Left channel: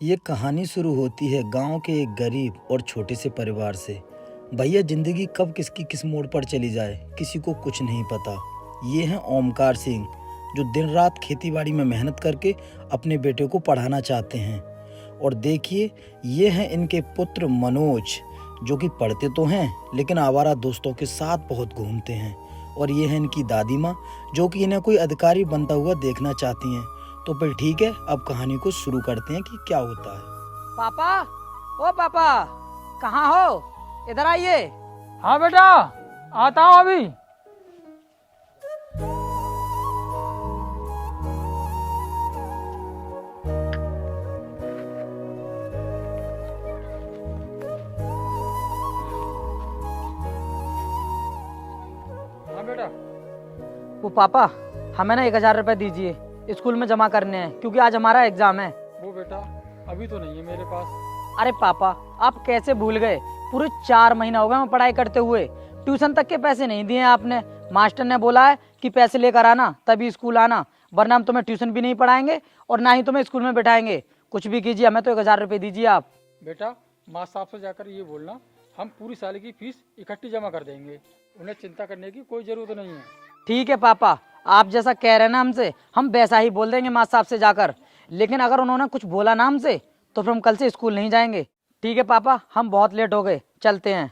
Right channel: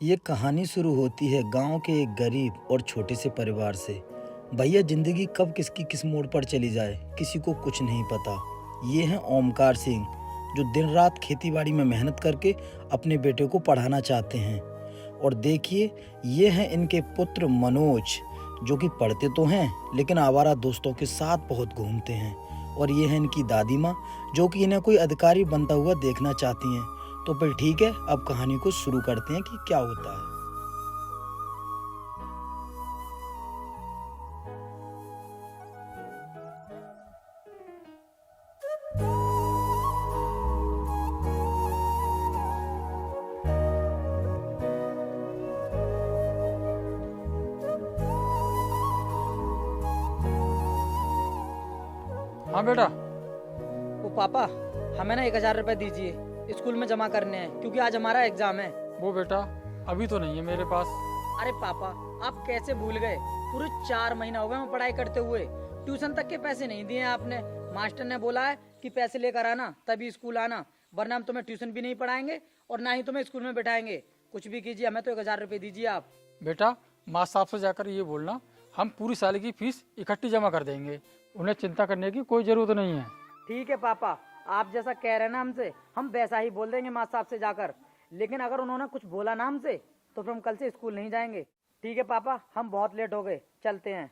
ये कहानी शुरू होती है गांव के एक गरीब और छोटे से परिवार से। भैया जिंदगी कब किसकी किस मोड़ पर चली जाए किसी को कुछ नहीं पता। ये हैं ओमकार सिंह जो दिन रात खेतीबाड़ी में मेहनत करके अपने बेटे को पढ़ाना चाहते हैं। और देखिए ये हैं इनके पुत्र मनोज जो कि पढ़ते तो हैं लेकिन आवारा दोस्तों के साथ बहुत घूमते हैं। और ये है इनकी दादी माँ जो कि इन्हें कोई अधिकारी बनता हुआ देखना चाहती हैं। तो फिर ठीक है, अब कहानी को शुरू करते हैं कि क्या होता है। पापा, ओ पापा, कहाँ हो? इधर आइए। हाँ बेटा, आता हूँ अभी। हाँ बेटा। वो पापा, हमें ना 1000 रुपए दीजिए, स्कूल में जमा करने हैं क्योंकि आज हमारा एग्जाम है। वो बेटा अभी तो नहीं है मेरे पास। अरे पापा, आप कैसे भूल गए? पूरे 4 महीना हो गए मैं पढ़ाई करते हुए, ट्यूशन तक के पैसे नहीं दिए आपने। मास्टर ने बोला है कि पैसे लेकर आना तभी स्कूल आना, वरना हम तुम्हें ट्यूशन भी नहीं पढ़ाएंगे और ना ही तुम्हें स्कूल में बैठाएंगे। कुछ भी कीजिए, हमें तो 1000 रुपए दीजिए आप। बेटा मास्टर साहब से जाकर ये बोलना हम पूरी साल की फीस इकट्ठी जमा कर देंगे, उन्हें चिंता करने की कोई जरूरत नहीं है। ठीक है पापा, आप जैसा कह रहे हैं ना हमसे, हम वैसा ही बोल देंगे मास्टर साहब से जाकर। लेकिन अगर उन्होंने कुछ बोला ना हमसे तो फिर हम कल से स्कूल नहीं जाएंगे। ठीक है पापा, हम बहुत लेट हो गए, चलते हैं।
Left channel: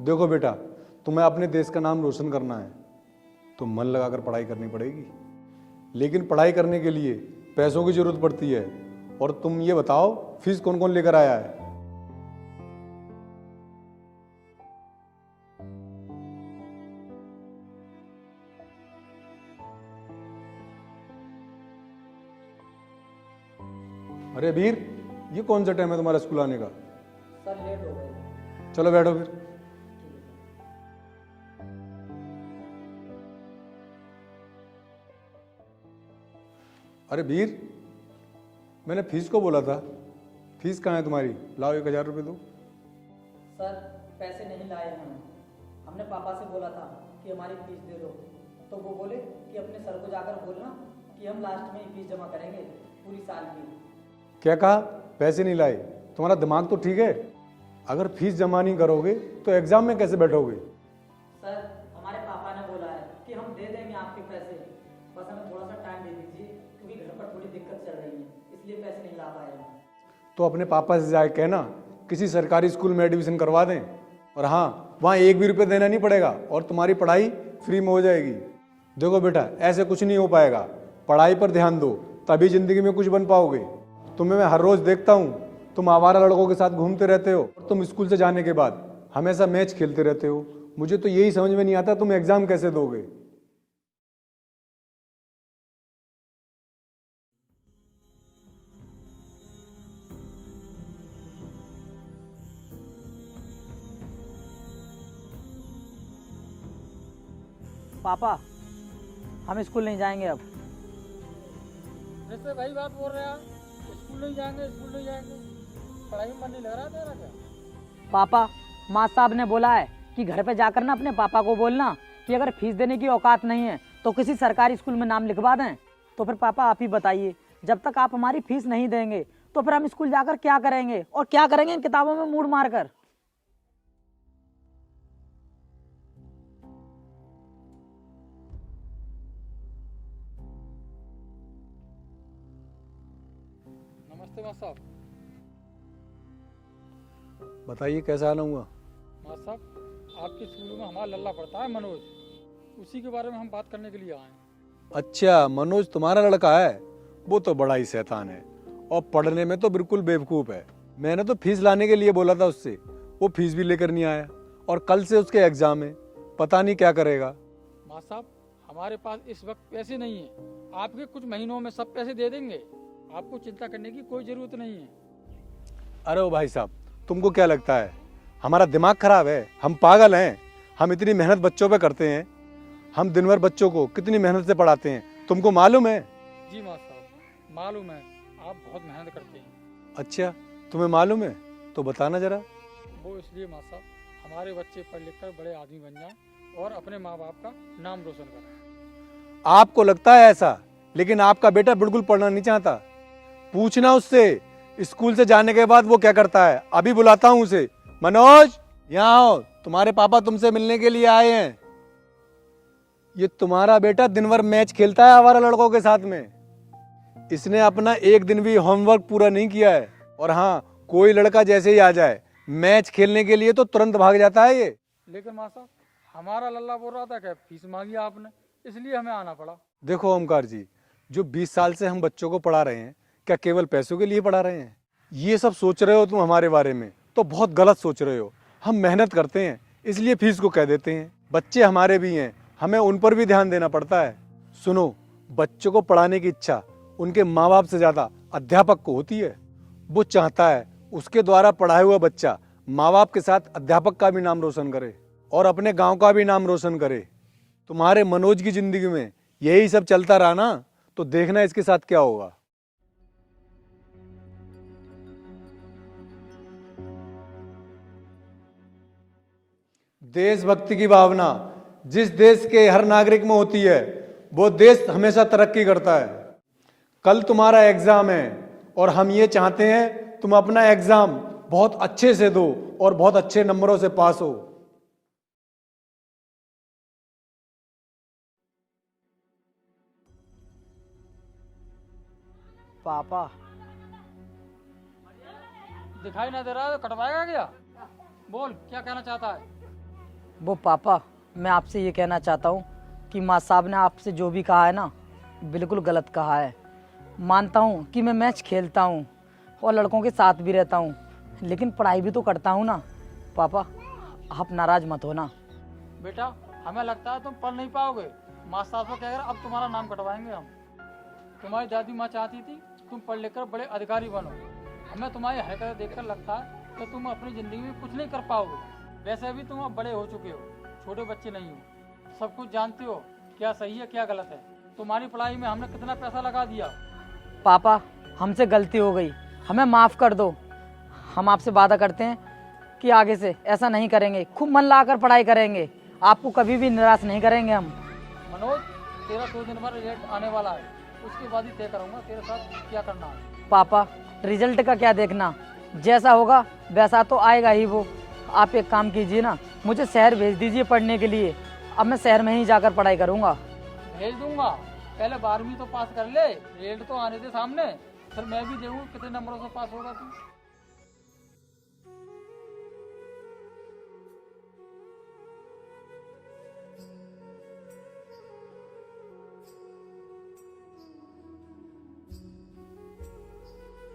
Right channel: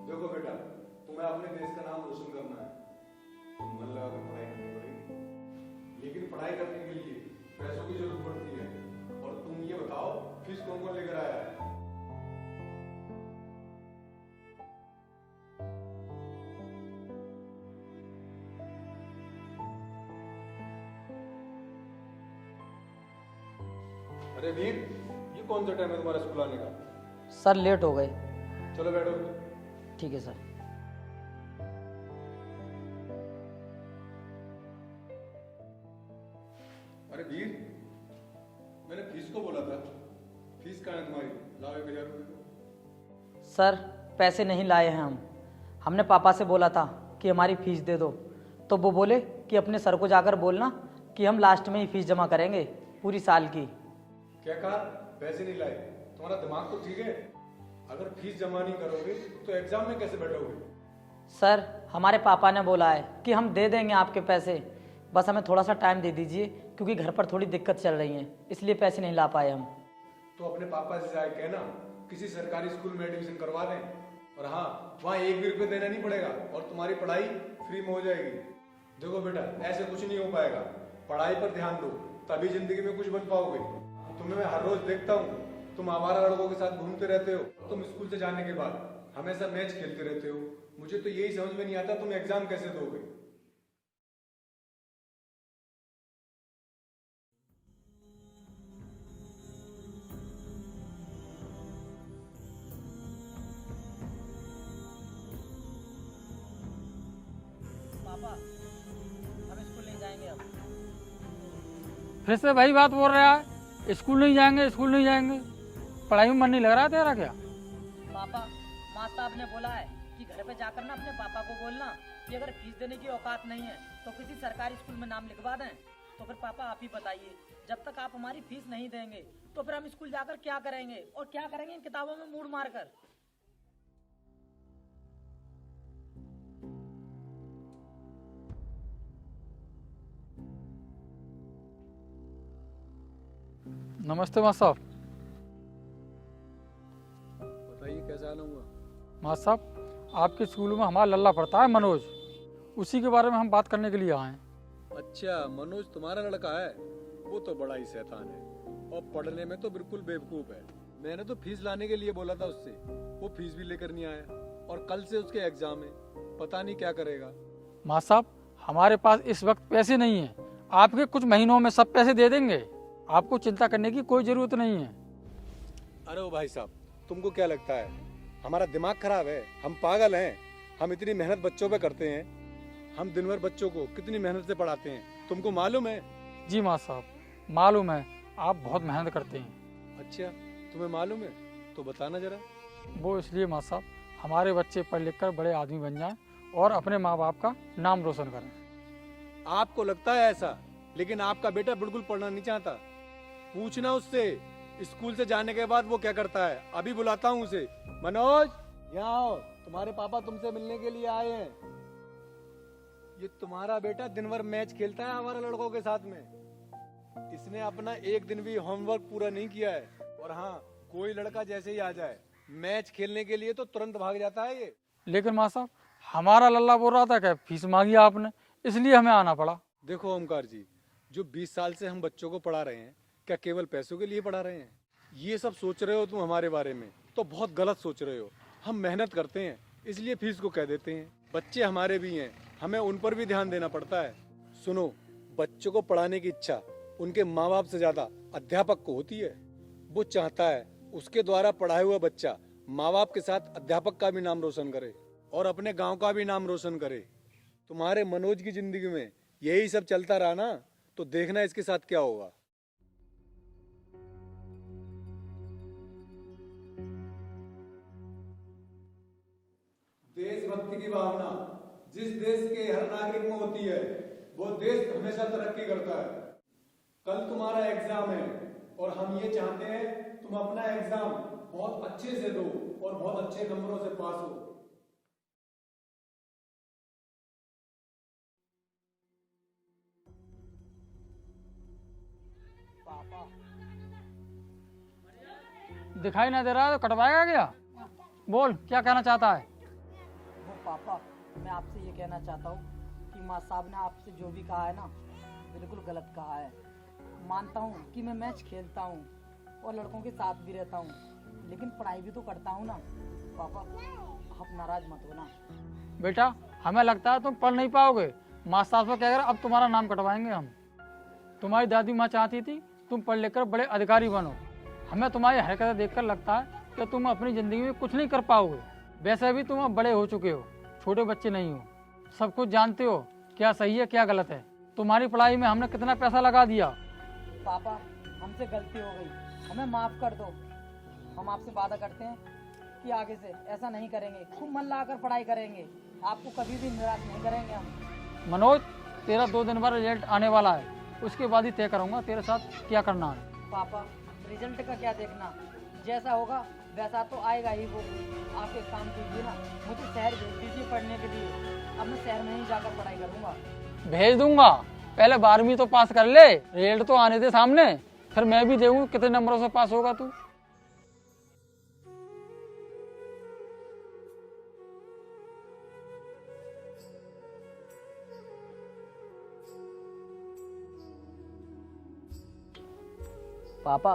देखो बेटा, तुम्हें अपने देश का नाम रोशन करना है तो मन लगाकर पढ़ाई करनी पड़ेगी। लेकिन पढ़ाई करने के लिए पैसों की जरूरत पड़ती है। और तुम ये बताओ फीस कौन कौन लेकर आया है? अरे वीर, ये कौन सा टाइम है तुम्हारा स्कूल आने का? सर लेट हो गए। चलो बैठो फिर। ठीक है सर। अरे वीर, मैंने फीस को बोला था। फीस कहाँ है तुम्हारी? लाओ 1000 रुपये दो। सर पैसे नहीं लाए हैं हम। हमने पापा से बोला था कि हमारी फीस दे दो, तो वो बोले कि अपने सर को जाकर बोलना कि हम लास्ट में ही फीस जमा करेंगे पूरी साल की। क्या कहा? पैसे नहीं लाए? तुम्हारा दिमाग तो ठीक है? अगर फीस जमा नहीं करोगे तो एग्जाम में कैसे बैठोगे? सर हमारे पापा ने बोला है कि हम दे देंगे आपके पैसे, बस हमें थोड़ा सा टाइम दे दीजिए क्योंकि घर पर थोड़ी दिक्कत चल रही है, इसलिए पैसे नहीं ला पाए हम। तो अपने पापा से जाए कहना किसी सरकारी स्कूल में एडमिशन करवा दें। और हाँ, वहाँ 1 भी रुपये देना नहीं पड़ेगा और तुम्हारी पढ़ाई फ्री में हो जाएगी। देखो बेटा, ऐसे कुछ नहीं हो पाएगा। पढ़ाई पर ध्यान दो, तभी जिंदगी में कुछ बन पाओगे। तुम्हें मैं हर रोज देखता हूँ, तुम आवारा लड़कों के साथ घूमते रहते हो। तुम स्कूल से जाने के बाद हमेशा मैच खेलते रहते हो। मुझे तो यही समझ में नहीं आता तुम एग्जाम कैसे दोगे। पापा हम स्कूल नहीं जाएंगे अब। फिर से वही बात बोल रहा है, स्कूल नहीं जाएंगे, स्कूल नहीं जाएंगे। पढ़ाई में मन नहीं लग रहा तेरा क्या? पापा, माँ साहब ने बोला है कि घर पे जाकर ना अपने पापा को बोलना कि अगर फीस देने की औकात नहीं है तो किसी सरकारी स्कूल में नाम लिखवा दें। तो फिर पापा आप ही बताइए, जब तक आप हमारी फीस नहीं देंगे तो फिर हम स्कूल जाकर क्या करेंगे और क्या करेंगे इन किताबों में मूड मारकर। नमस्ते मास्टर साहब। बताइए कैसा आना हुआ? मास्टर साहब, आपके स्कूल में हमारा लल्ला पढ़ता है मनोज, उसी के बारे में हम बात करने के लिए आए हैं। अच्छा, मनोज तुम्हारा लड़का है? वो तो बड़ा ही शैतान है और पढ़ने में तो बिल्कुल बेवकूफ़ है। मैंने तो फीस लाने के लिए बोला था उससे, वो फीस भी लेकर नहीं आया। और कल से उसके एग्जाम है, पता नहीं क्या करेगा। मास्टर साहब, हमारे पास इस वक्त पैसे नहीं है, आपके कुछ महीनों में सब पैसे दे देंगे, आपको चिंता करने की कोई ज़रूरत नहीं है। अरे ओ भाई साहब, तुमको क्या लगता है हमारा दिमाग खराब है? हम पागल हैं? हम इतनी मेहनत बच्चों पे करते हैं हम दिन भर बच्चों को कितनी मेहनत से पढ़ाते हैं, तुमको मालूम है? जी माँ साहब मालूम है, आप बहुत मेहनत करते हैं। अच्छा, तुम्हें मालूम है तो बताना जरा। वो इसलिए माँ साहब हमारे बच्चे पढ़ लिख कर बड़े आदमी बन जाएं और अपने माँ बाप का नाम रोशन करें। आपको लगता है ऐसा, लेकिन आपका बेटा बिल्कुल पढ़ना नहीं चाहता। पूछना उससे स्कूल से जाने के बाद वो क्या करता है। अभी बुलाता हूँ उसे। मनोज, यहाँ आओ, तुम्हारे पापा तुमसे मिलने के लिए आए हैं। ये तुम्हारा बेटा दिन भर मैच खेलता है आवारा लड़कों के साथ में। इसने अपना एक दिन भी होमवर्क पूरा नहीं किया है। और हाँ, कोई लड़का जैसे ही आ जाए मैच खेलने के लिए तो तुरंत भाग जाता है ये। लेकिन माँ साहब हमारा लल्ला बोल रहा था कि फीस मांगी आपने, इसलिए हमें आना पड़ा। देखो ओमकार जी, जो 20 साल से हम बच्चों को पढ़ा रहे हैं, क्या केवल पैसों के लिए पढ़ा रहे हैं? ये सब सोच रहे हो तुम हमारे बारे में तो बहुत गलत सोच रहे हो। हम मेहनत करते हैं इसलिए फीस को कह देते हैं। बच्चे हमारे भी हैं, हमें उन पर भी ध्यान देना पड़ता है। सुनो, बच्चों को पढ़ाने की इच्छा उनके माँ बाप से ज्यादा अध्यापक को होती है। वो चाहता है उसके द्वारा पढ़ाया हुआ बच्चा माँ बाप के साथ अध्यापक का भी नाम रोशन करे और अपने गांव का भी नाम रोशन करे। तुम्हारे मनोज की जिंदगी में यही सब चलता रहा ना, तो देखना इसके साथ क्या होगा। देशभक्ति की भावना जिस देश के हर नागरिक में होती है, वो देश हमेशा तरक्की करता है। कल तुम्हारा एग्जाम है और हम ये चाहते हैं तुम अपना एग्जाम बहुत अच्छे से दो और बहुत अच्छे नंबरों से पास हो। पापा, दिखाई नहीं दे रहा है तो कटवाएगा क्या? बोल क्या कहना चाहता है? वो पापा, मैं आपसे ये कहना चाहता हूँ कि माँ साहब ने आपसे जो भी कहा है ना, बिल्कुल गलत कहा है। मानता हूँ कि मैं मैच खेलता हूँ और लड़कों के साथ भी रहता हूँ, लेकिन पढ़ाई भी तो करता हूँ ना। पापा, आप नाराज मत हो ना। बेटा हमें लगता है तुम पढ़ नहीं पाओगे। माँ साहब को कहकर अब तुम्हारा नाम कटवाएंगे हम। तुम्हारी दादी माँ चाहती थी तुम पढ़ लिख कर बड़े अधिकारी बनो। हमें तुम्हारी हरकतें देखकर लगता है कि तुम अपनी जिंदगी में कुछ नहीं कर पाओगे। वैसे भी तुम अब बड़े हो चुके हो, छोटे बच्चे नहीं हो, सब कुछ जानते हो क्या सही है क्या गलत है। तुम्हारी पढ़ाई में हमने कितना पैसा लगा दिया। पापा, हमसे गलती हो गई, हमें माफ़ कर दो। हम आपसे वादा करते हैं कि आगे से ऐसा नहीं करेंगे, खूब मन लगाकर पढ़ाई करेंगे, आपको कभी भी निराश नहीं करेंगे हम। मनोज, तेरा 2 दिन बाद रिजल्ट आने वाला है, उसके बाद ही तय करूँगा तेरे साथ क्या करना है। पापा, रिजल्ट का क्या देखना, जैसा होगा वैसा तो आएगा ही वो। आप एक काम कीजिए ना, मुझे शहर भेज दीजिए पढ़ने के लिए। अब मैं शहर में ही जाकर पढ़ाई करूँगा। भेज दूंगा, पहले 12वीं तो पास कर ले, रिजल्ट तो आने दे सामने, फिर मैं भी देखूँ कितने नंबरों से पास होगा तू। पापा,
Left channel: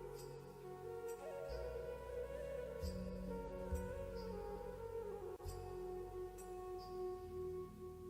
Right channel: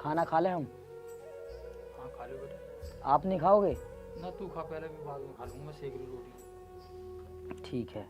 खाना खा ले हम। हाँ खा ले बेटा। आप नहीं खाओगे? ना तू खा, पहले भी बाद में खा लूंगा, सेक ली रोटी। ठीक है।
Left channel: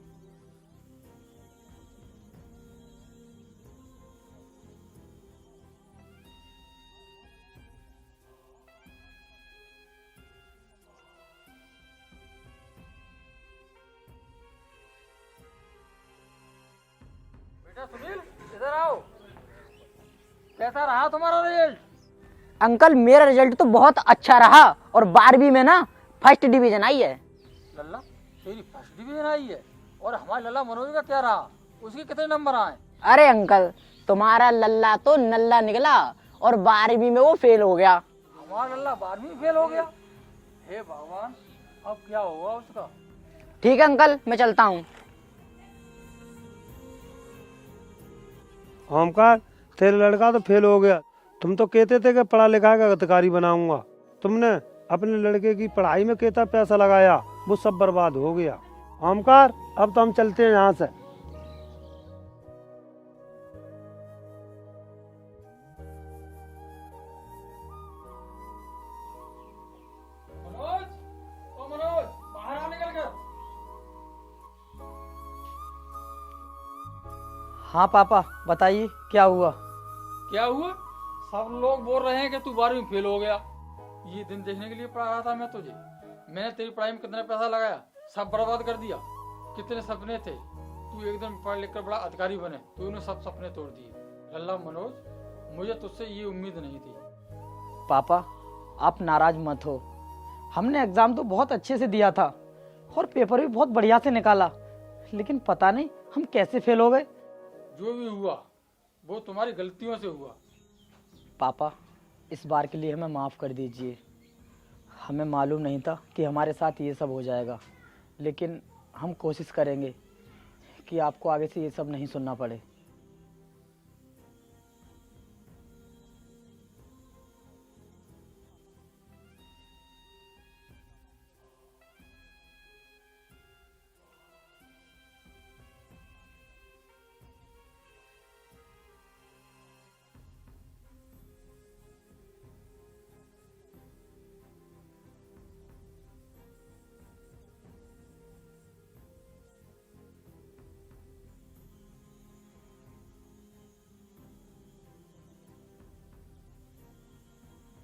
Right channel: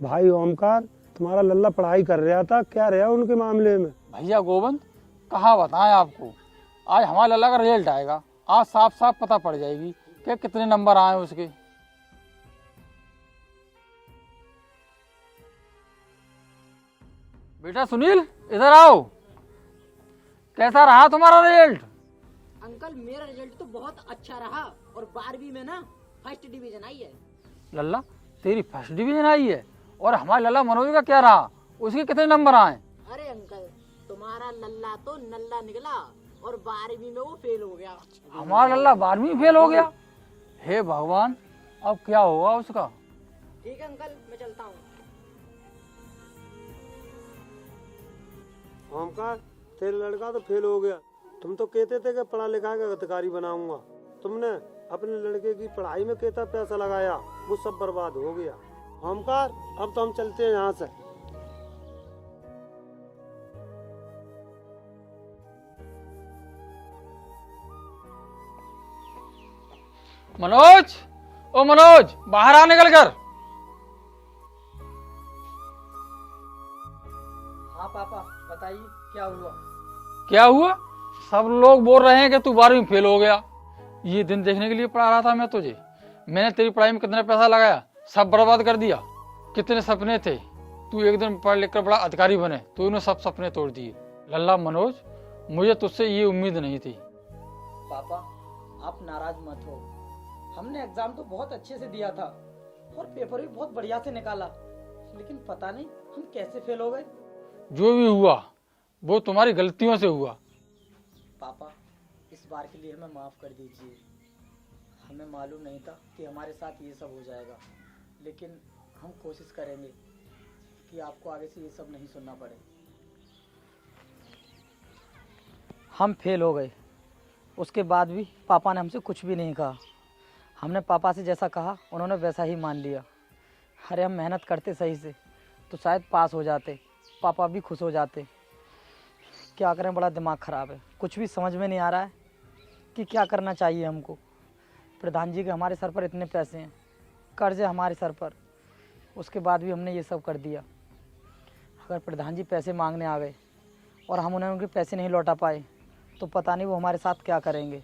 भाई ओमकार, तुम्हारा लल्ला पढ़ाई कर रहा था, क्या रहा उनके मामले में? भैया गोविंद, कहाँ बताएं आपको, आज हमारे लल्ला का रिजल्ट आएगा, आज साफ साफ पता पड़ जाएगी कि कितने नंबर आए उसके। बेटा सुनील, इधर आओ। कैसा रहा तुम्हारा रिजल्ट? अंकल, मेरा रिजल्ट तो बहुत अच्छा रहा और 12वीं में ना फर्स्ट डिवीजन आई है। लल्ला तेरी फर्स्ट डिवीजन आई है, और हमारे लल्ला मनोज का क्या रहा, उसके कितने नंबर आए? अरे अंकल, तुम्हारा लल्ला तो नल्ला निकला और 12वीं में वो फेल हो गया। हमारा लल्ला 12वीं फेल हो गया। हे भगवान, अब क्या होगा उसका। ठीक है अंकल, मैं चलता हूँ। ओमकार, तेरा लड़का तो फेल हो गया। तुम तो कहते थे कि पढ़ा लिखा का अधिकारी बनाऊंगा। तुमने अपने लड़के की पढ़ाई में कितना पैसा लगाया, वो सब बर्बाद हो गया। ओमकार, अब तो हम चलते हैं यहाँ से। मनोज, ओ मनोज, बाहर आ निकल कर। हाँ पापा बताइए क्या हुआ। क्या हुआ? सब लोग बोल रहे हैं कि तू 12वीं में फेल हो गया। ये दिन देखने के लिए पढ़ा रहा था मैं तुझे। मैंने तेरी पढ़ाई में कितना पैसा लगाया, सब बर्बाद कर दिया। कितने सपने थे, तू एक दिन पढ़ लिख कर बड़ा अधिकारी बने, तूने सब सपने तोड़ दिए। लल्ला मनोज, मुझे तुझसे ये उम्मीद नहीं थी। पापा आप नाराज मत हो, हमने एग्जाम तो बहुत अच्छे से दिया था और पेपर भी बहुत बढ़िया से निकाला, लेकिन पता नहीं हम कैसे फेल हो गए। जो भी हुआ वो तुम्हारी गलतियों से हुआ। पापा इस बार के लिए हमें माफ़ कर दीजिए। हमें मालूम नहीं था कि हमारे साथ ये सब हो जाएगा, लेकिन हम कोशिश करेंगे कि आपको आगे से ये सब नहीं सुनना पड़े। हम फेल हो गए, उसके बाद भी पापा ने हमसे कुछ भी नहीं कहा। हमने पापा से जैसा कहा उन्होंने वैसा ही मान लिया। अरे हम मेहनत करते सही से तो शायद पास हो जाते, पापा भी खुश हो जाते। क्या करें, बड़ा दिमाग ख़राब है, कुछ भी समझ में नहीं आ रहा है कि क्या करना चाहिए हमको। प्रधान जी के हमारे सर पर इतने पैसे हैं, कर्ज है हमारे सर पर, उसके बाद भी हमने ये सब कर दिया। अगर प्रधान जी पैसे मांगने आ गए और हम उन्हें उनके पैसे नहीं लौटा पाए तो पता नहीं वो हमारे साथ क्या करेंगे।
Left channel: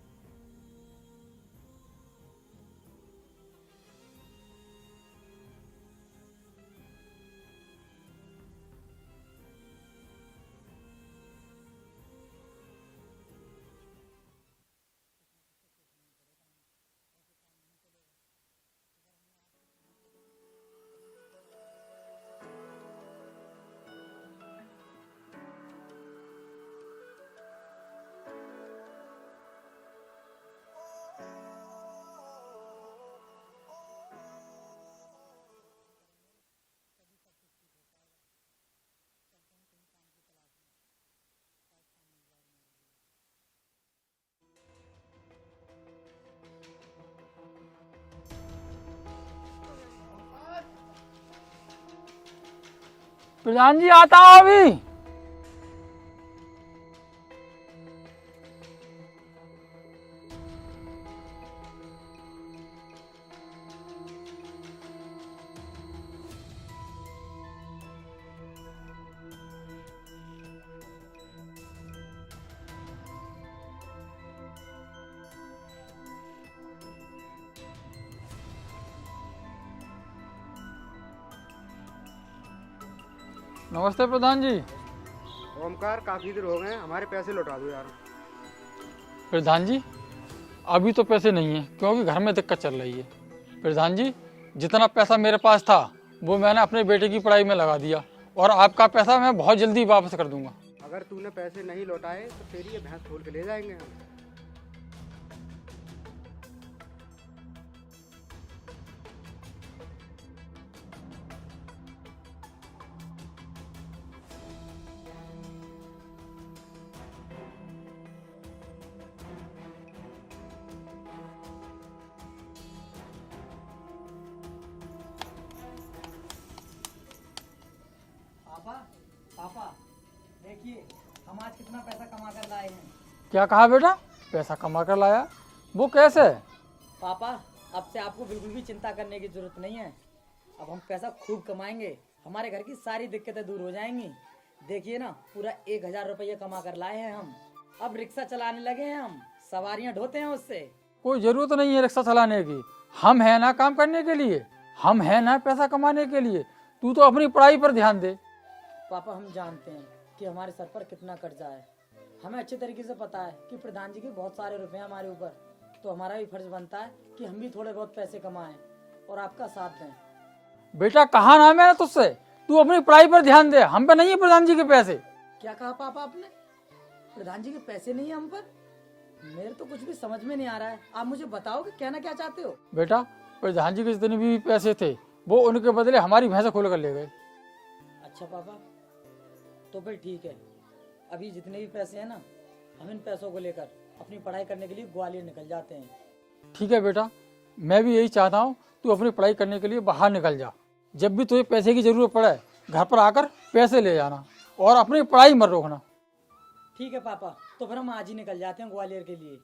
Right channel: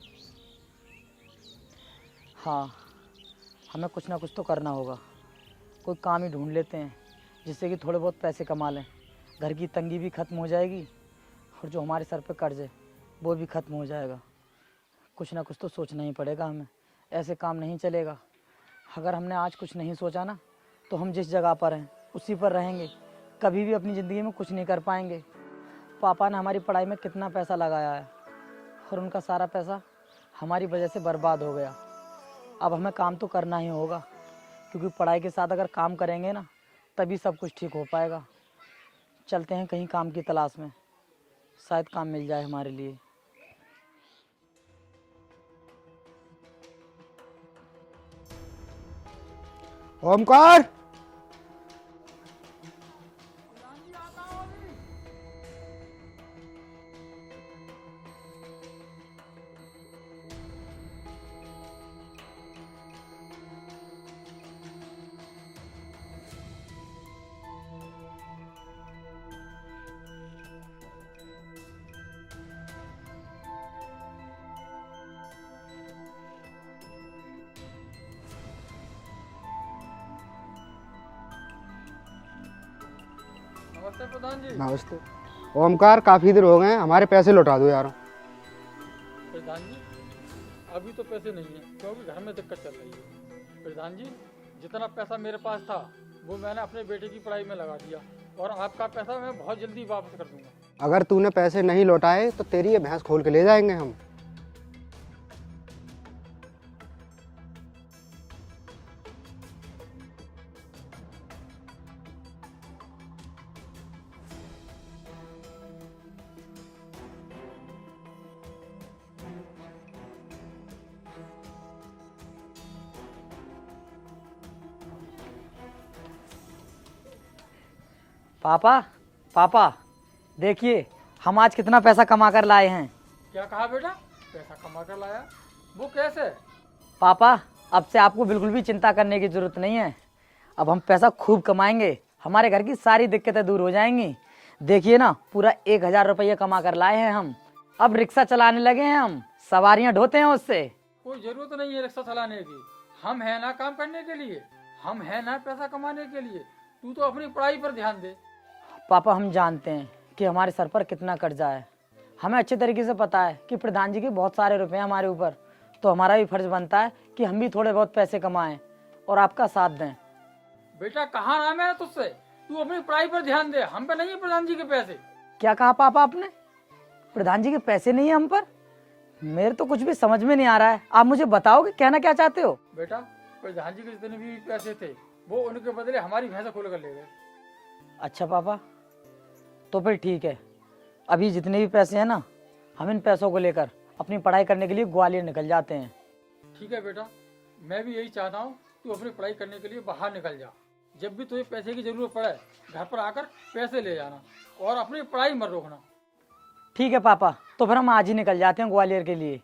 हाँ, हमें कुछ ना कुछ तो करना होगा। कोई काम ही ढूंढ लेते हैं जिससे कि थोड़े बहुत पैसे कमा लें। घर की तंगी भी ख़त्म हो जाएगी और जो हमारे सर पे कर्ज है वो भी ख़त्म हो जाएगा। कुछ ना कुछ तो सोचना ही पड़ेगा हमें, ऐसे काम नहीं चलेगा। अगर हमने आज कुछ नहीं सोचा ना तो हम जिस जगह पर हैं उसी पर रहेंगे, कभी भी अपनी ज़िंदगी में कुछ नहीं कर पाएंगे। पापा ने हमारी पढ़ाई में कितना पैसा लगाया है और उनका सारा पैसा हमारी वजह से बर्बाद हो गया। अब हमें काम तो करना ही होगा, क्योंकि पढ़ाई के साथ अगर काम करेंगे ना तभी सब कुछ ठीक हो पाएगा। चलते हैं कहीं काम की तलाश में, शायद काम मिल जाए हमारे लिए। ओमकार, प्रधान जी आता हूँ अभी। नमस्ते प्रधान जी। नमस्ते। ओमकार, काफी देर हो गए हैं, हमारे पैसे लौटा दो यार। प्रधान जी अभी तो पैसे नहीं है क्योंकि घर में दिक्कत चल रही है। प्रधान जी जितना पैसा मेरे पास था वो मैंने अपने बेटे की पढ़ाई में लगा दिया और आपका पैसा मैं बहुत जल्दी वापस कर दूंगा। अगर तूने पैसे नहीं लौटाए तो तेरी ये भैंस खोल के ले जाएंगे हम। पापा पापा देखिए, हम आज कितना पैसा कमा कर लाए हैं। क्या कहा बेटा? पैसा कमा कर लाया? वो कैसे? पापा अब से आपको बिल्कुल भी चिंता करने की ज़रूरत नहीं है। अब हम पैसा खूब कमाएंगे, हमारे घर की सारी दिक्कतें दूर हो जाएंगी। देखिए ना, पूरा 1000 रुपये कमा कर लाए हैं हम। अब रिक्शा चलाने लगे हैं हम, सवारियां ढोते हैं उससे। कोई जरूरत नहीं है रिक्शा चलाने की, हम है ना काम करने के लिए, हम है ना पैसा कमाने के लिए। तू तो अपनी पढ़ाई पर ध्यान दे। पापा हम जानते हैं कि हमारे सर पर कितना कर्जा है, हमें अच्छे तरीके से पता है कि प्रधान जी के बहुत सारे रुपए हैं हमारे ऊपर, तो हमारा भी फर्ज बनता है कि हम भी थोड़े बहुत पैसे कमाएं और आपका साथ दें। बेटा कहा ना मैंने तुझसे, तू अपनी पढ़ाई पर ध्यान दे, हम पे नहीं है प्रधान जी के पैसे। क्या कहा पापा आपने? प्रधान जी के पैसे नहीं है हम पर? मेरे तो कुछ भी समझ में नहीं आ रहा है, आप मुझे बताओगे कहना क्या चाहते हो? बेटा प्रधान जी के जितने भी पैसे थे वो उनके बदले हमारी भैंस खोल कर ले गए। अच्छा पापा, तो फिर ठीक है, अभी जितने भी पैसे हैं ना, हम इन पैसों को लेकर अपनी पढ़ाई करने के लिए ग्वालियर निकल जाते हैं। ठीक है बेटा, मैं भी यही चाहता हूँ, तू अपनी पढ़ाई करने के लिए बाहर निकल जा। जब भी तुझे पैसे की जरूरत पड़े घर पर आकर पैसे ले जाना और अपनी पढ़ाई मत रोकना। ठीक है पापा, तो फिर हम आज ही निकल जाते हैं ग्वालियर के लिए।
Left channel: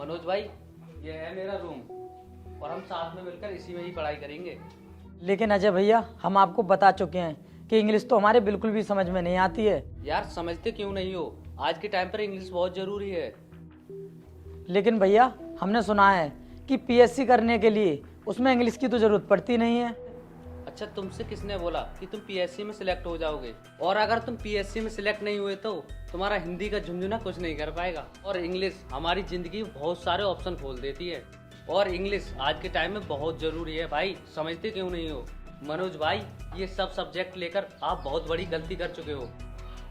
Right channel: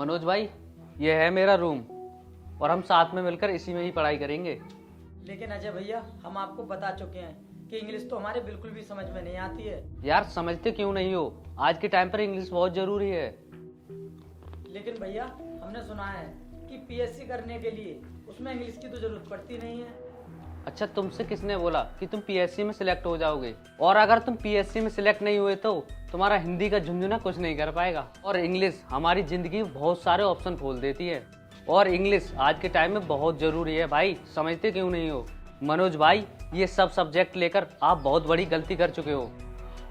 मनोज भाई, ये है मेरा रूम और हम साथ में मिलकर इसी में ही पढ़ाई करेंगे। लेकिन अजय भैया, हम आपको बता चुके हैं कि इंग्लिश तो हमारे बिल्कुल भी समझ में नहीं आती है। यार समझते क्यों नहीं हो? आज के टाइम पर इंग्लिश बहुत जरूरी है। लेकिन भैया, हमने सुना है कि पीएससी करने के लिए उसमें इंग्लिश की तो जरूरत पड़ती नहीं है। अच्छा, तुमसे किसने बोला कि तुम पीएससी में सिलेक्ट हो जाओगे? और अगर तुम पीएससी में सिलेक्ट नहीं हुए तो तुम्हारा हिंदी का झुंझुना कुछ नहीं कर पाएगा। और इंग्लिश हमारी जिंदगी में बहुत सारे ऑप्शन खोल देती है और इंग्लिश आज के टाइम में बहुत जरूरी है भाई। समझते क्यों नहीं हो? मनोज भाई, ये सब सब्जेक्ट लेकर आप बहुत बड़ी गलती कर चुके हो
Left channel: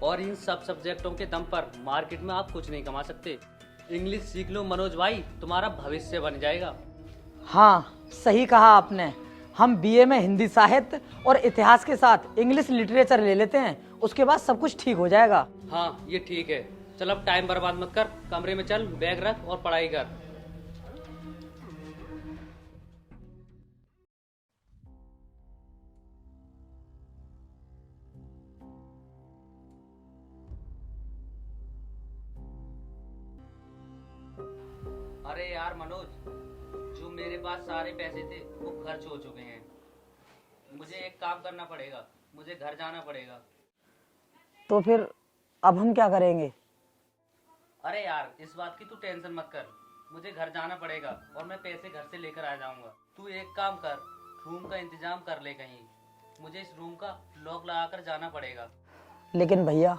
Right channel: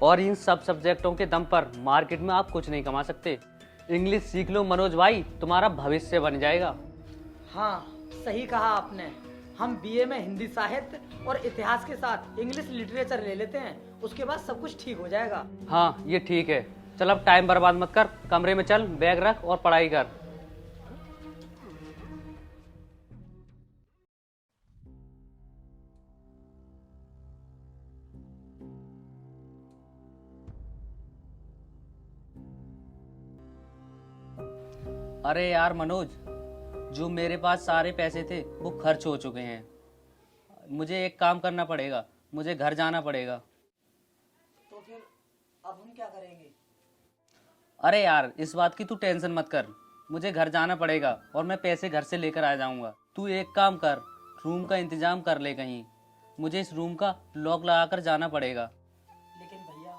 और इन सब सब्जेक्टों के दम पर मार्केट में आप कुछ नहीं कमा सकते। इंग्लिश सीख लो मनोज भाई, तुम्हारा भविष्य बन जाएगा। हाँ, सही कहा आपने। हम बीए में हिंदी साहित्य और इतिहास के साथ इंग्लिश लिटरेचर ले लेते हैं, उसके बाद सब कुछ ठीक हो जाएगा। हाँ, ये ठीक है। चल अब टाइम बर्बाद मत कर, कमरे में चल, बैग रख और पढ़ाई कर। अरे यार मनोज, जो मेरे पास सारे पैसे थे वो खर्च हो चुके हैं। मुझे एक काम करना पड़ेगा, मुझे घर जाना पड़ेगा। तो फिर अब हम क्या करेंगे? अरे यार, इस बात की तू टेंशन मत कर, मुझे घर जाना पड़ेगा और मैं पैसे घर से लेकर आ जाऊंगा। तू एक काम कर, रूम का इंतजाम कर ले कहीं। मुझे इस रूम का लॉक लगाकर जाना पड़ेगा। लेकिन भैया,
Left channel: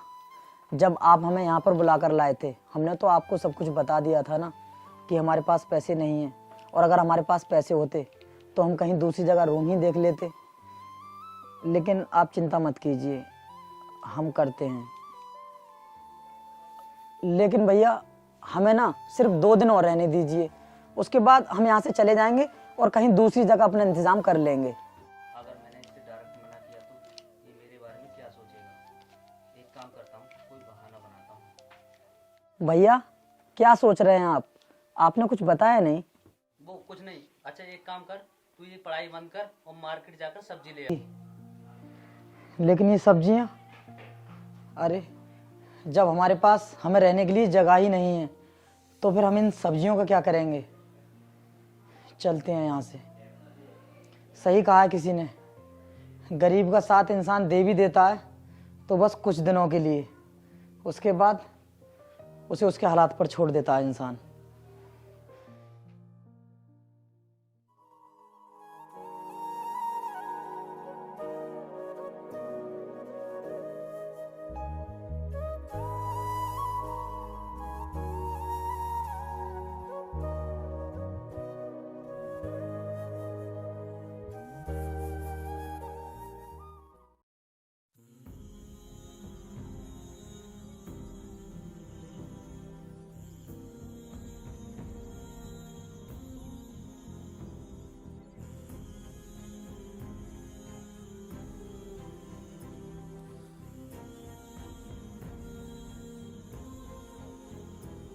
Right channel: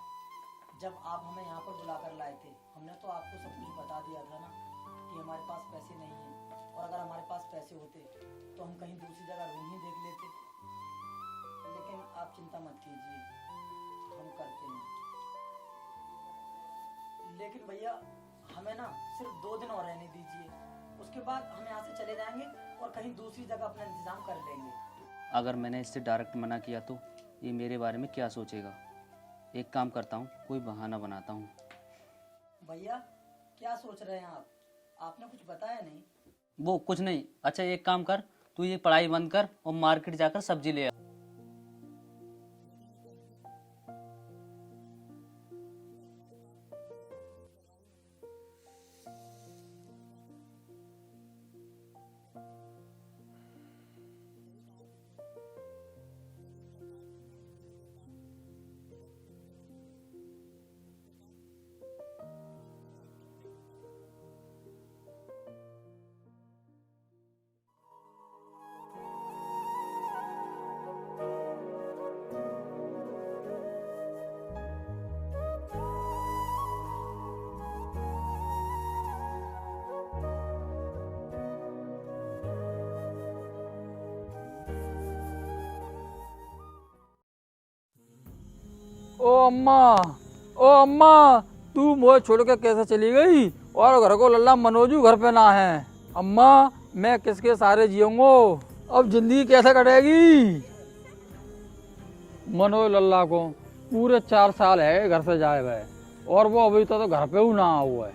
जब आप हमें यहाँ पर बुलाकर लाए थे, हमने तो आपको सब कुछ बता दिया था ना कि हमारे पास पैसे नहीं हैं, और अगर हमारे पास पैसे होते तो हम कहीं दूसरी जगह रूम ही देख लेते। लेकिन आप चिंता मत कीजिए, हम करते हैं। लेकिन भैया, हमें ना सिर्फ 2 दिन और रहने दीजिए, उसके बाद हम यहाँ से चले जाएंगे और कहीं दूसरी जगह अपना इंतजाम कर लेंगे। अगर मैंने इससे डायरेक्ट मना किया तो ये मेरे बारे में क्या सोचेगा? एक काम करता हूँ, कोई बहाना बनाता हूँ। भैया, क्या सोच रहे हैं आप? आपने कुछ बताया नहीं। वो कुछ नहीं। अच्छा, एक काम कर, तू ये पढ़ाई बंद कर और मार्केट जाकर सब्जी ले आ। लेकिन ये सब्जियां, अरे जब हमारे पास हमें रहने के लिए जगह ही नहीं है तो फिर हम इन सब्जियों का क्या करेंगे? चलते हैं यहाँ से। सही कहा है किसी ने, गरीब का साथ इंसान दे भी देता है तो बस कुछ दिनों के लिए, उसके बाद उसे उसके हालात पर छोड़ देता है इंसान। ओ अम्मा, ओ अम्मा, तू मुझे छोड़ के कैसे चली गई? और घर को लल्ला मनोजू घर पे ना है। अम्मा, मैं किसके सहारे जीऊंगा? अब जिंदगी कैसे कटेगी? मनोज लल्ला को पूरे 4 साल है घर से जाए हुए और वो अभी तो घर पे ही ना हुआ है,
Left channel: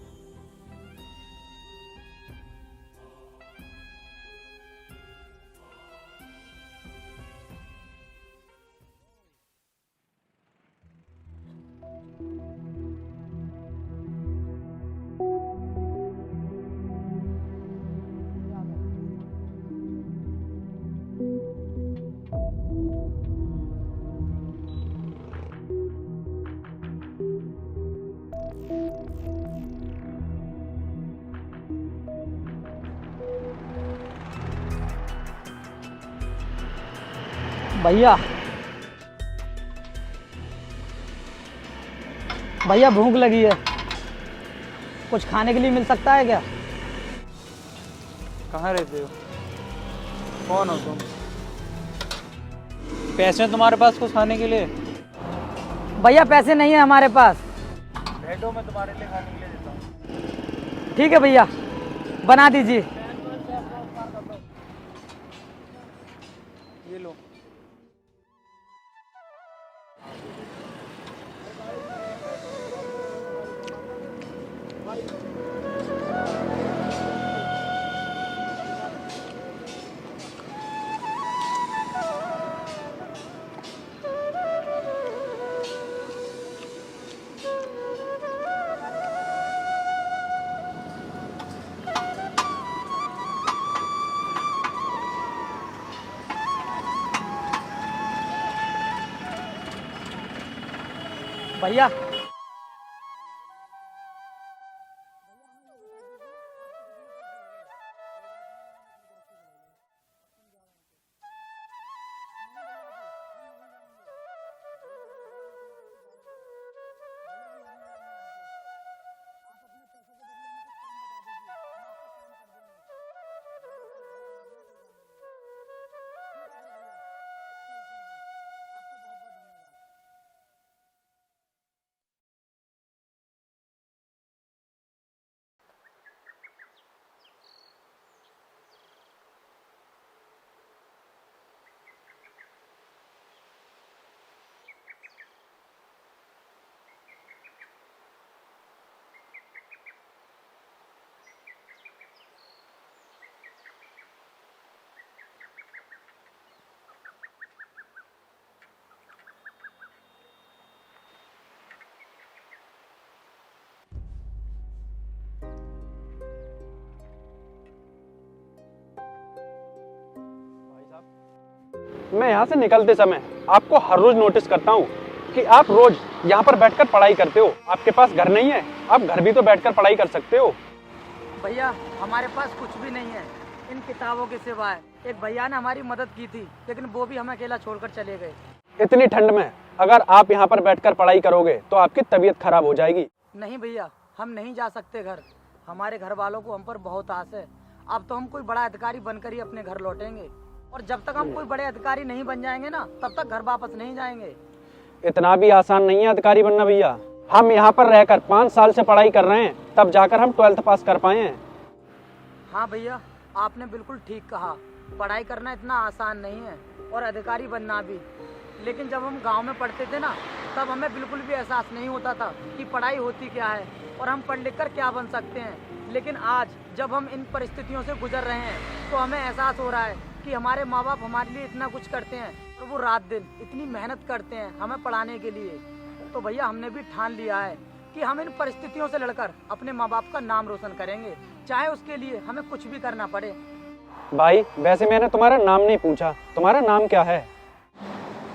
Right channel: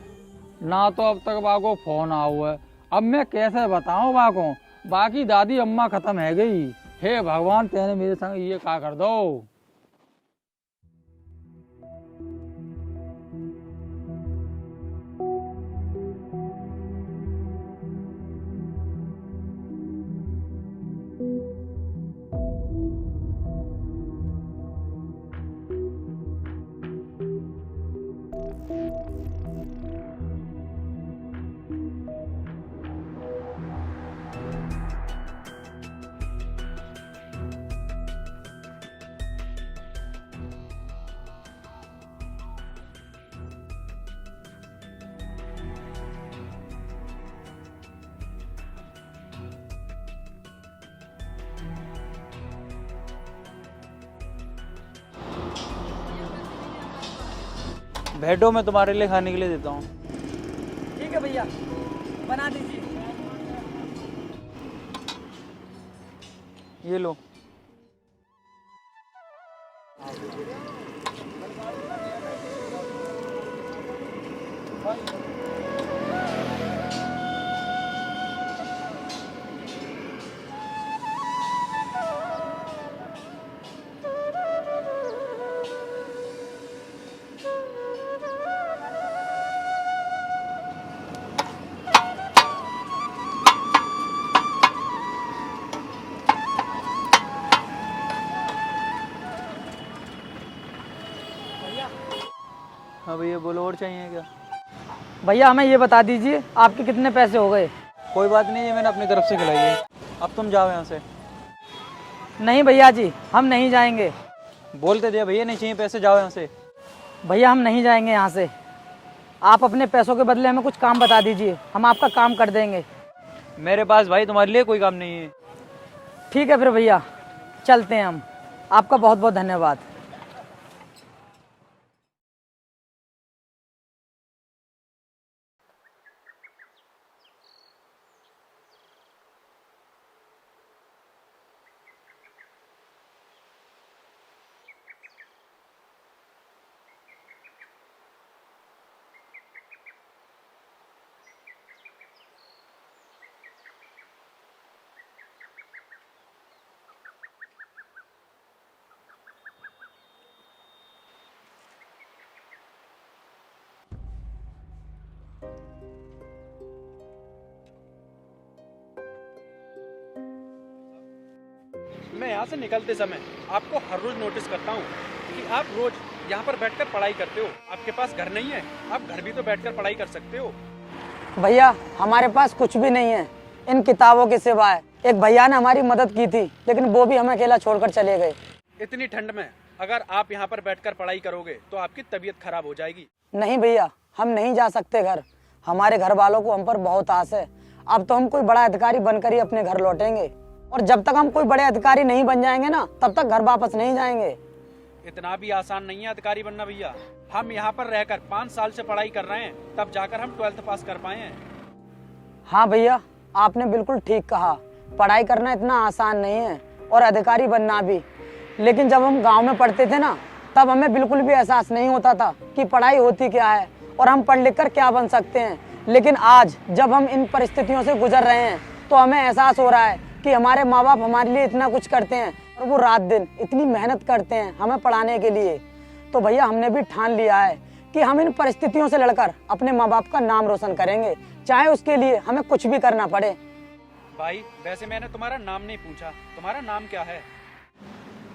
ना तो अब तक बाको फोन आ हुआ है। अब मैं कैसे बताऊं बाको? बाकी दादी अम्मा खत्म है गई। हे भगवान, तेने मेरे संग ये क्या कर दो। भैया, भैया भूख लगी है, कुछ खाने के लिए मिल सकता है क्या? कहाँ रहते हो? कौन हो तुम? पैसे हैं तुम्हारे पास कुछ खाने के लिए? भैया, पैसे नहीं है हमारे पास। बैठो, मैं तुम्हारे लिए खाने के लिए देता हूँ। ठीक है भैया, बना दीजिए। ये लो। भैया हाँ भैया बोलो, और चाहिए क्या? भैया हमें ये बता दीजिए आपके कितने पैसे हो गए? कोई बात नहीं, ये मैंने अपनी तरफ से खिलाई है। अब तुम जाओ यहाँ से। नहीं भैया जी, हम नहीं जाएंगे। बोलते दिया भैया, नहीं चाहिए पैसे, जाओ यहाँ से। भैया हम नहीं जाएंगे यहाँ से। आप अपने पैसों के बदले हमें कुछ काम बता दीजिए, हम आपका काम कर देंगे। मेरे पास भाई तुम्हारे लिए कोई काम नहीं है। ठीक है फिर भैया, चलते हैं हम। आपका बहुत बहुत धन्यवाद। मैं यहाँ से निकलते समय आपको हर रोज नोटिस करता हूँ कि आप रोज यहाँ पर बैठकर पढ़ाई करते हो। आपके पास घर नहीं है, आप घर भी तो बैठकर पढ़ाई कर सकते हो। भैया हमारे पास कुछ भी नहीं है इन किताबों के सिवाय। एक भैया ने हमारी मदद की थी, लेकिन वो भी हमें अकेला छोड़कर चले गए। इतनी ठंड में अगर आप यहाँ पर बैठकर पढ़ाई करोगे तो आपकी तबीयत खराब हो जाएगी। नहीं भैया, हम नहीं जा सकते घर। हमारे घर वालों को हम पर बहुत आस है। अब तो हम कोई बड़ा अधिकारी बनकर ही अपने घर लौटेंगे, और जब तक हम कोई बड़े अधिकारी नहीं बन जाएंगे ना, तब तक घर वापस नहीं जाएंगे। इतना भी आसान नहीं है अधिकारी बनना भैया। हम यहाँ पर रहकर 5 साल से पढ़ाई कर रहे हैं, तब जाकर हम 12th पास कर पाए हैं। हाँ भैया, आपने बिल्कुल ठीक कहा। पढ़ाई करना इतना आसान नहीं है, और अधिकारी बनना भी। लेकिन जब हम गांव में पढ़ते थे ना, तब हमें बिल्कुल भी एहसास नहीं होता था कि पढ़ाई होती क्या है और हम पढ़ लिख कर क्या बन सकते हैं। लेकिन आज जब हम इन परिस्थितियों से गुजर रहे हैं, तो हमें एहसास हो रहा है कि हमारे माँ बाप हमारे लिए इतना कुछ करते हैं, और वो रात दिन इतनी मेहनत करते हैं हमें पढ़ाने के लिए। तो भैया हमने भी ठान लिया है कि हम इन परिस्थितियों से लड़कर अपने माँ बाप का नाम रोशन करेंगे, चाहे उसके लिए हमें कुछ भी करना पड़े। भाई वैसे मैंने तुम्हारा नाम नहीं पूछा, तुम्हारा नाम क्या है?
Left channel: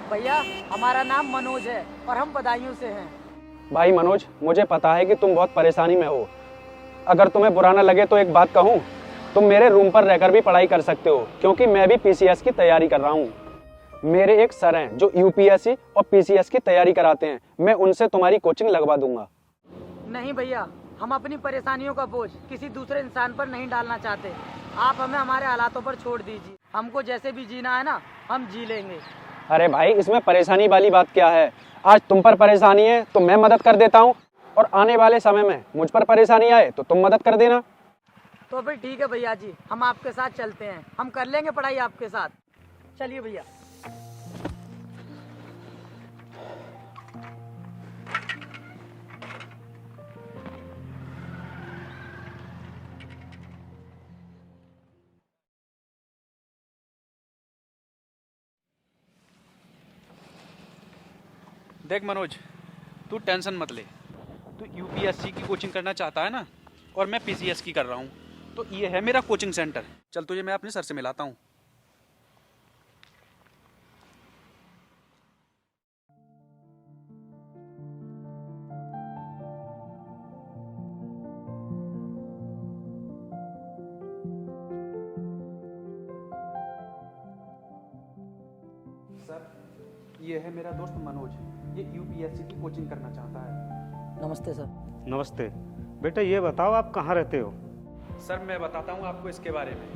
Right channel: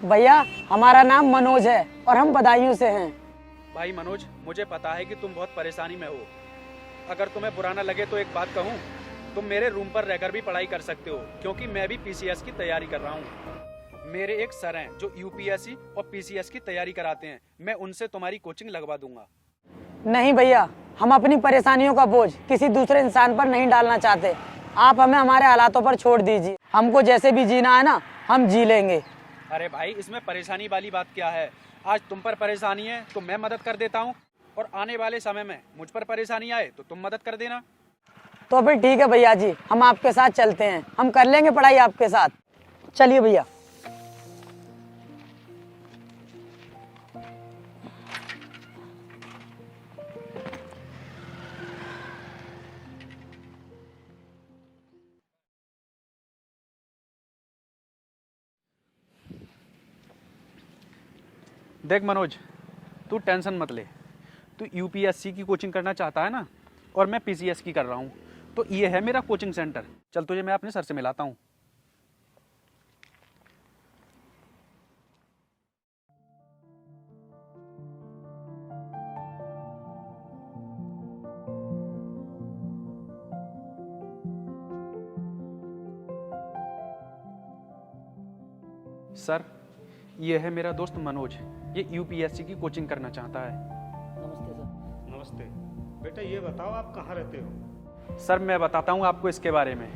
भैया हमारा नाम मनोज है, और हम बदायूं से हैं। भाई मनोज, मुझे पता है कि तुम बहुत परेशानी में हो। अगर तुम्हें बुरा न लगे तो एक बात कहूँ, तुम मेरे रूम पर रहकर भी पढ़ाई कर सकते हो, क्योंकि मैं भी पीसीएस की तैयारी कर रहा हूँ। मेरे एक सर हैं जो यूपीएससी और पीसीएस की तैयारी कराते हैं, मैं उनसे तुम्हारी कोचिंग लगवा दूंगा। नहीं भैया, हम अपनी परेशानियों का बोझ किसी दूसरे इंसान पर नहीं डालना चाहते। आप हमें हमारे हालातों पर छोड़ दीजिए। हमको जैसे भी जीना है ना, हम जी लेंगे। अरे भाई, इसमें परेशानी वाली बात क्या है? आज तुम पर परेशानी है तो मैं मदद कर देता हूँ, और आने वाले समय में मुझ पर परेशानी आए तो तुम मदद कर देना। तो फिर ठीक है भैया जी, हम आपके साथ चलते हैं। हम कर लेंगे पढ़ाई आपके साथ। चलिए भैया। देख मनोज, तू टेंशन मत ले। तू यूपीएससी की कोचिंग करना चाहता है ना, और मैं पीसीएस की कर रहा हूँ, तो ये है मेरा कोचिंग सेंटर। चल तुझे मैं अपने सर से मिलाता हूँ। सर, ये है मेरा दोस्त मनोज। ये यूपीएससी की कोचिंग करना चाहता है। नमस्ते सर। नमस्ते बेटा, ये बताओ आप कहाँ रहते हो? सर मैं बताता हूँ आपको इसके बारे में।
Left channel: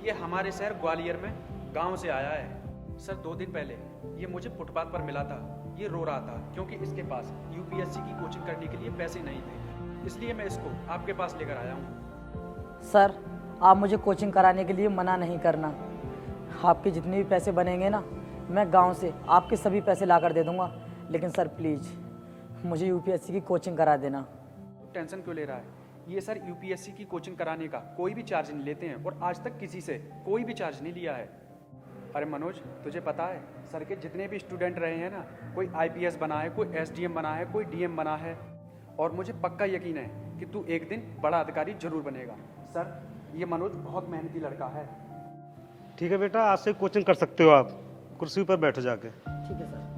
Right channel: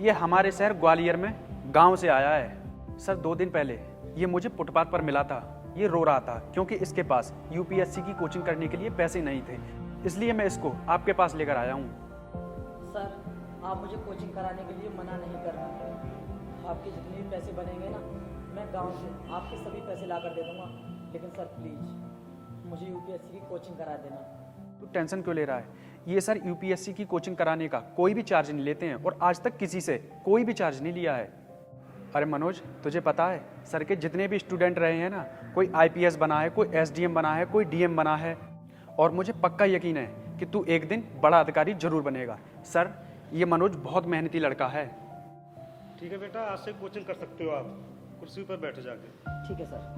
ये हमारे शहर ग्वालियर में गांव से आया है। सर 2 दिन पहले ये मुझे फुटपाथ पर मिला था। ये रो रहा था क्योंकि इसके पास यूपीएससी की कोचिंग करने के लिए पैसे नहीं थे, इसलिए मैं इसको आपके पास लेकर आया हूँ। सर आप मुझे कोचिंग कराने के लिए मना नहीं करना। आपके जितने भी पैसे बनेंगे ना, मैं गांव से आपके सभी पैसे ला कर दे दूंगा। लेकिन सर प्लीज़ मुझे यूपीएससी की कोचिंग करा देना। टेंशन क्यों ले रहा है? ये सर यूपीएससी की कोचिंग कराने का कोई भी चार्ज नहीं लेते हैं, और आज तक किसी से कोई भी चार्ज नहीं लिया है। अरे मनोज, तुझे पता है सर के जितने भी स्टूडेंट रहे हैं ना, कोई आईपीएस बना है, कोई एसडीएम बना है, कोई डीएम बना है, और मुझे पक्का यकीन है कि तू एक दिन बड़ा अधिकारी जरूर बनेगा। सर ये मनोज बहुत मेहनती लड़का है। ठीक है बेटा, आज से कोचिंग कर सकते हो आप। कुर्सी पर बैठो जाके। ठीक है सर।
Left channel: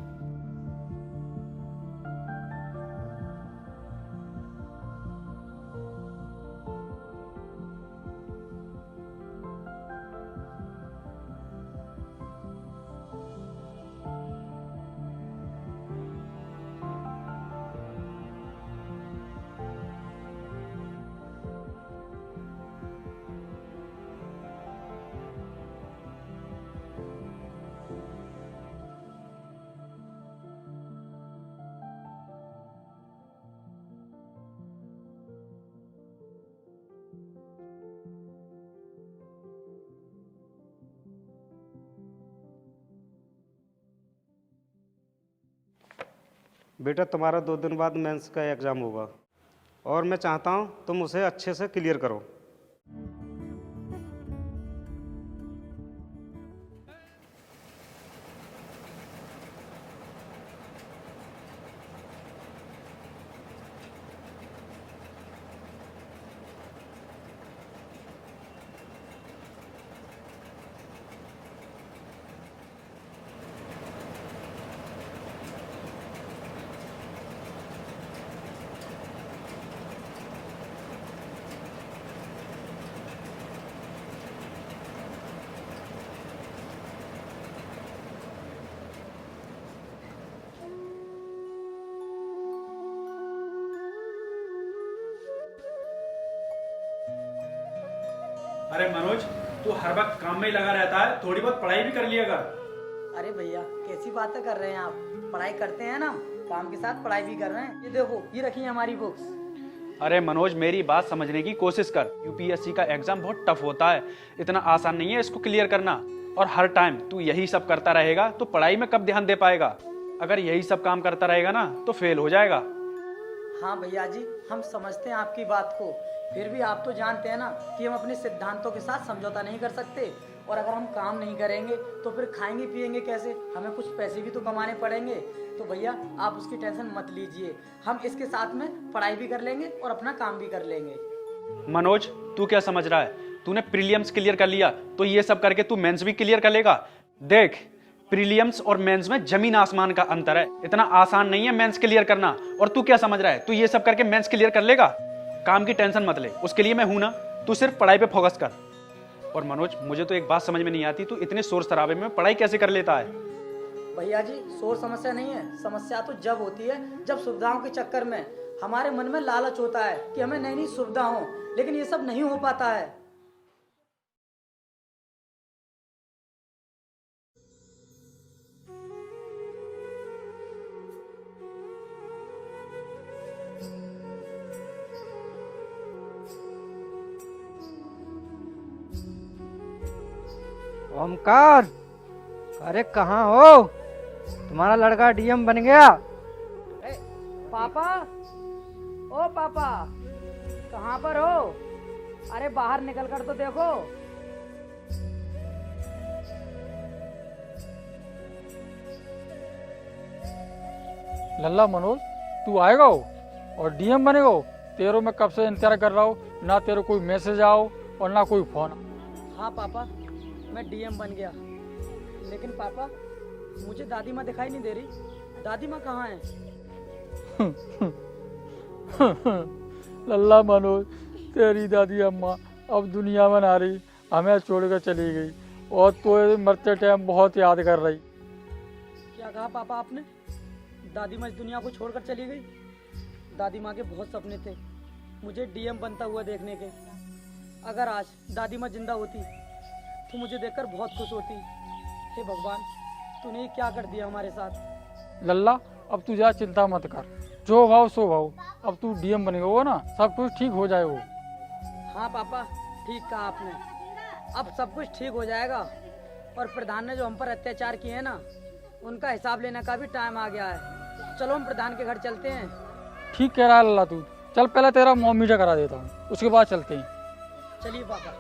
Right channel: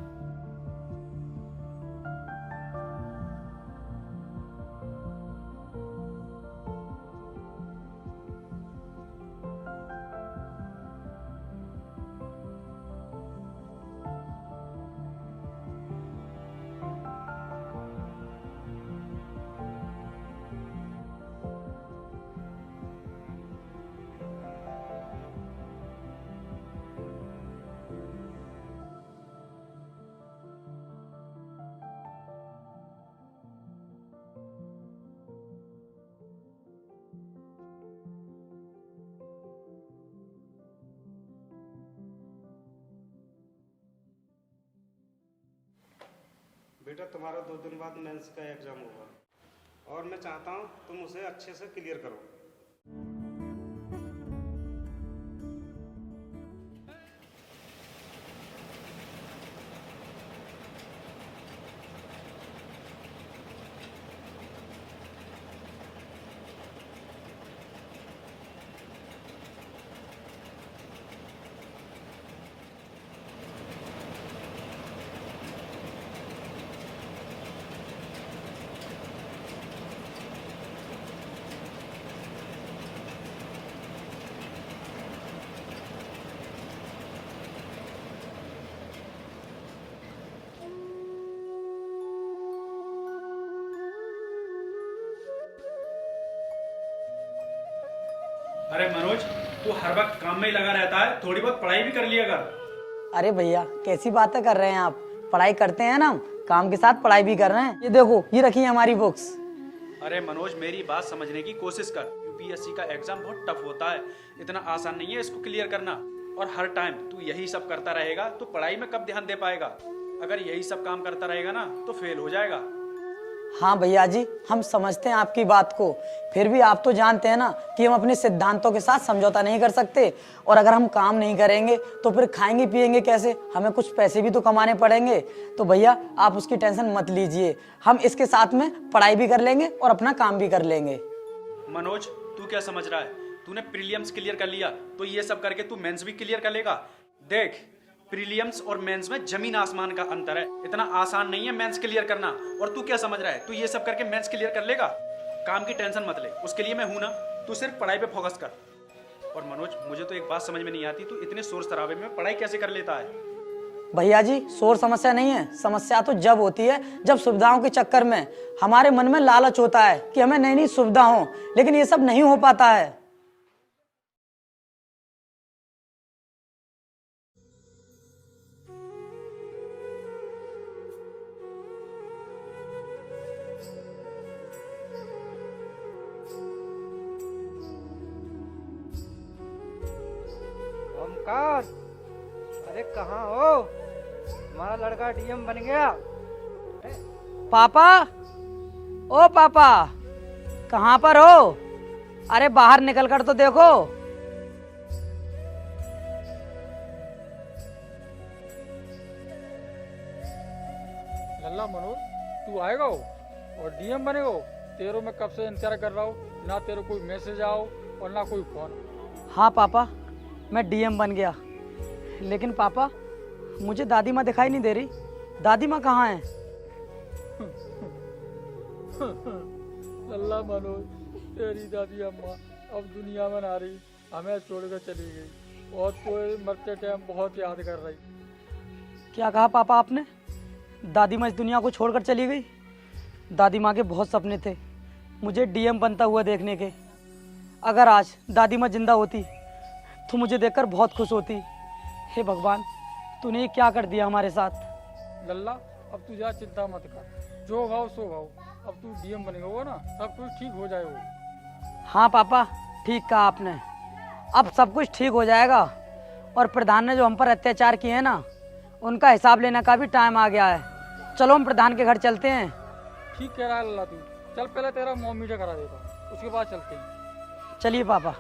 बेटा तुम्हारा 2 दिन बाद मेंस का एग्ज़ाम होगा और मैं चाहता हूँ तुम उसे अच्छे से क्लियर करो। अरे मनोज, तू हर वक्त काम में ही लगा रहता है, थोड़ी बहुत पढ़ाई भी कर लिया कर। अरे भैया कैसी बातें कर रहे हैं आप? पढ़ाई करते हैं ना, काम के साथ पढ़ाई भी कर रहे हैं। ये देखो, ये रखी है हमारी बुक्स। अरे मनोज, मेरी बात समझने की कोशिश कर। यूपीएससी का एग्जाम बहुत टफ होता है, इतना आसान नहीं है इसको क्लियर करना। और हर टाइम तू यही सब करता रहेगा तो पढ़ाई में कब ध्यान दे पाएगा? अगर यही सब काम करता रहेगा ना तो फेल हो जाएगा। हाँ भैया जी, हम समझते हैं आपकी बात को, फिर भी आप तो जानते हैं ना कि हम अपने सिद्धांतों के साथ समझौता नहीं कर सकते। और अगर हम काम नहीं करेंगे तो फिर खाएंगे पिएंगे कैसे? हमें कुछ पैसे भी तो कमाने पड़ेंगे। तो भैया आप उसकी टेंशन मत लीजिए, हम इसके साथ में पढ़ाई भी कर लेंगे और अपना काम भी कर लेंगे। मनोज, तू क्या समझ रहा है? तूने प्रीलिम्स क्लियर कर लिया तो ये सब करके तू मेंस भी क्लियर कर लेगा? देख, प्रीलिम्स और मेंस में जमीन आसमान का अंतर है। इतना आसान नहीं है मेंस क्लियर करना। और तू क्या समझ रहा है, तू ये सब करके मेंस क्लियर कर लेगा? काम की टेंशन मत ले, उसके लिए मैं हूं ना। तू सिर्फ पढ़ाई पे फोकस कर। और मनोज, मुझे तो एक बात समझ में नहीं आती, तू इतने शोर शराबे में पढ़ाई कैसे कर लेता है? भैया जी, शोर समस्या नहीं है। समस्या तो जब होती है जब सुविधाओं के चक्कर में हमारे मन में लालच होता है कि हमें नई नई सुविधा हो, लेकिन ये सब नहीं हो पाता है। ओमकार, अरे कहाँ हो? तुम्हारा लड़का डीएम बन गया। पापा, ओ पापा, कहाँ पर हो? अरे बाहर निकल कर तो देखो। लल्ला मनोज, तू आएगा हो और डीएम बनेगा हो? तेरो मैं कब से इंतजार कर रहा हूँ, ना तेरे कोई मैसेज आओ और ना कोई फोन। हाँ पापा, मैं डीएम बन गया। लेकिन पापा, मुझे दादी माँ दिखाई नहीं दे रही। दादी माँ कहाँ है? लल्ला मनोज, तेरी दादी अम्मा अब दुनिया में ना रही, हमें छोड़कर चली गई और तो मरते टाइम बहुत याद कर रही। क्या कहा पापा आपने? दादी माँ इस दुनिया को छोड़कर चली गई? दादी माँ के बहुत सपने थे मुझे डीएम बनता हुआ देखने के। अगर आज दादी माँ जिंदा होती तो मुझे देखकर बहुत खुश होती। हे भगवान, तूने ये क्या कर दिया हमारे साथ? लल्ला, अब तू ज्यादा चिंता मत कर, जो भाव सो भाव। अब तू डीएम बनेगा वो ना, सब कुछ ठीक हो जाएगा। हाँ पापा, ठीक कहा आपने, अब सब कुछ ठीक हो जाएगा। और प्रधान ने जो हम पर अत्याचार किए हैं ना, उनका हिसाब लेने का भी टाइम आ गया है। चलो हम प्रधान के घर चलते हैं। ठीक कह रहा है लल्ला तू, चल पहले तेरा मोम मीटर करा देता हूँ, उसके बाद चलते हैं। चलिए पापा।